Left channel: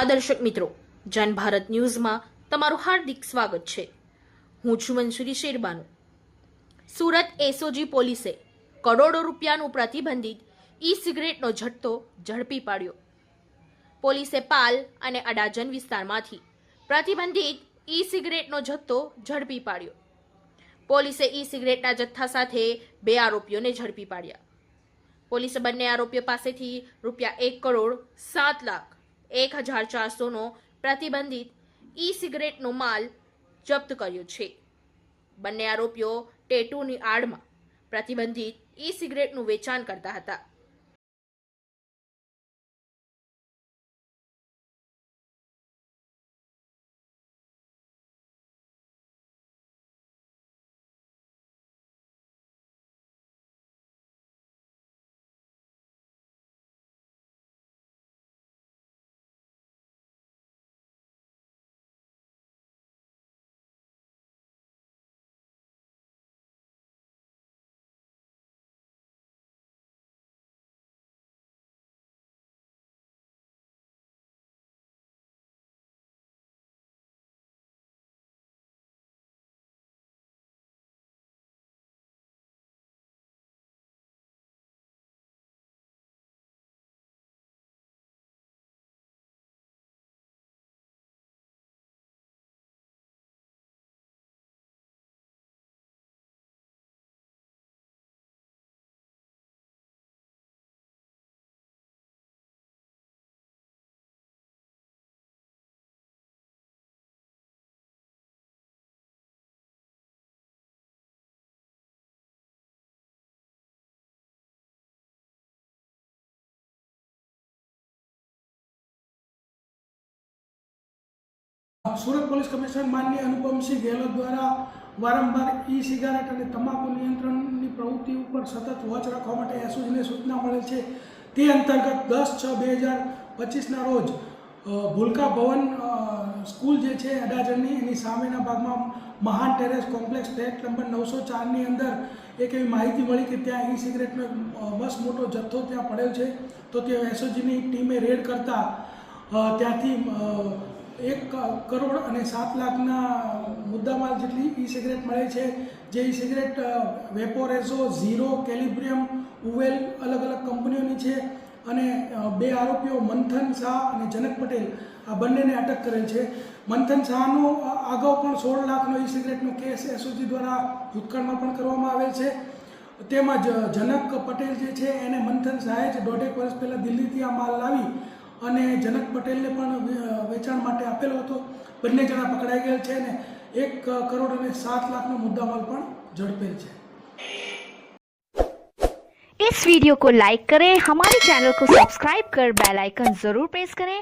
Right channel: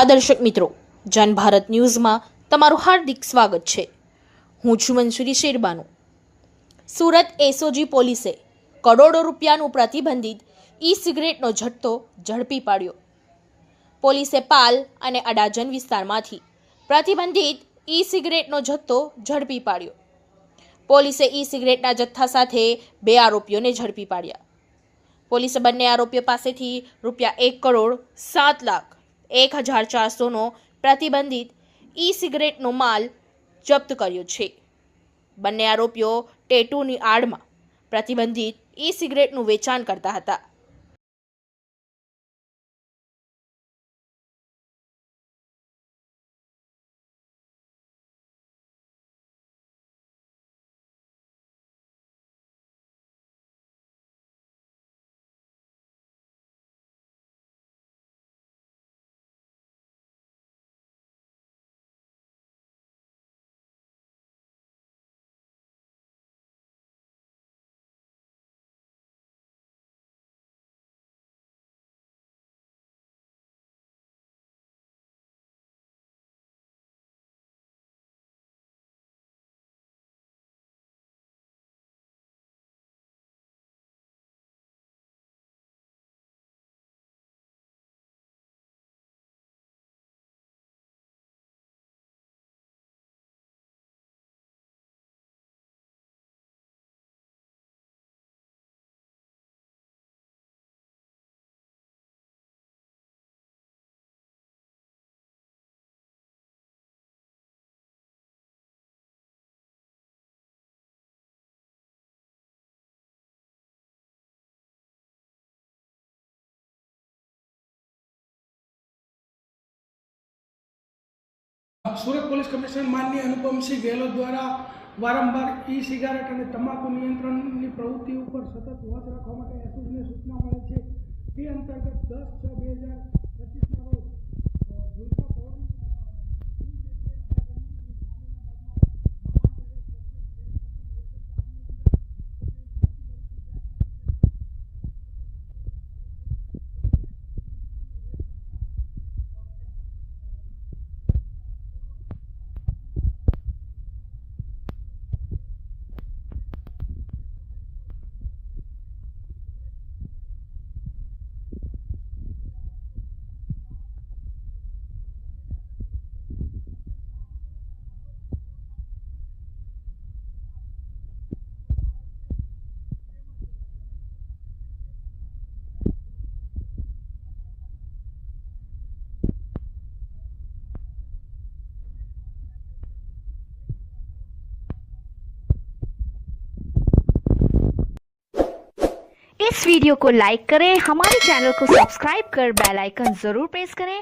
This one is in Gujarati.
નમસ્કાર દર્શક મિત્રો, જન ભારત ન્યૂઝમાં તમારું હાર્દિક સ્વાગત છે. હું છું મંસૂરી શેરબાનુ. સુરત એસઓજી પોલીસે કરોડો રૂપિયાનું પ્રતિબંધિત ઈ સિગરેટનો જથ્થો ઝડપી પાડ્યો. પોલીસે પાલ અને અડાજન વિસ્તારમાંથી પ્રતિબંધિત ઈ સિગરેટનો જથ્થો ઝડપી પાડ્યો. પોલીસે ઈ સિગરેટના જથ્થા સાથે બે આરોપીઓને ઝડપી પાડ્યા. પોલીસે બંને આરોપીઓ પાસેથી રૂપિયા એક કરોડ સાત લાખ એક હજાર ચારસોનો પ્રતિબંધિત ઈ સિગરેટનો માલ જપ્ત કર્યો છે. બંને આરોપીઓ ટેટુની આડમાં પ્રતિબંધિત ઈ સિગરેટનું વેચાણ કરતા હતા. સુરત પોલીસ કમિશનર માનની અનુપમસિંહ ગેહલોત દ્વારા વારંવાર ઈ સિગારેટ અને તમાકુ નિયંત્રણની પ્રવૃત્તિ ઉપર સતત વોચ રાખવા માટે એસઓજીને સૂચના મળે છે. તે અંતર્ગત દસ છ બે હજાર પચીસના રોજ ભૂલકા ભવન સ્કૂલ જે છે અડાજણની એની સામેના ભાગમાં મહાન ટેરેસ કોમ્પ્લેક્સ ફ્લેટ નંબર નવસો ચારની અંદર એક એવી માહિતી મળી કે ત્યાં ઈ સિગરેટનો બસ મોટો જથ્થો ત્યાં પડેલ છે. તો તે એસઓજીની ટીમે રેડ કરતાં ત્યાંથી એક કરોડ અને સાત લાખના મુદ્દામાલ જેટલી ઈ સિગરેટ મળે છે. જે ઈ સિગરેટ વેપોરેઝો, ઝીરો, કેલિબ્રિયમ, ઉવેલ અલગ અલગ કંપનીઓની છે અને બે આરોપીઓ મંથન શાહ અને જનક પટેલ આ બંનેને અટક કરેલ છે. મંથન શાહનો અગાઉ પણ સોળ લાખનો ઈ સિગરેટનો કેસ એસઓજી દ્વારા ભૂતકાળમાં પણ કરવામાં આવેલ છે. તેમજ જનક પટેલ જે છે એને મંથન શાહે જ દોઢેક વર્ષ પહેલાં દિલ્હીથી આ માલ લાવી અને જનક પટેલને પણ વે- વેચાણ માટે આપેલો હતો બંને જણા પકડાઈ ગયેલ છે અને એક કરોડ અને સાત લાખનો મુદ્દામાલ પણ ઝડપેલ છે इस वीडियो को लाइक करें हमारे चैनल को सब्सक्राइब कर बेल आइकन जरूर प्रेस करें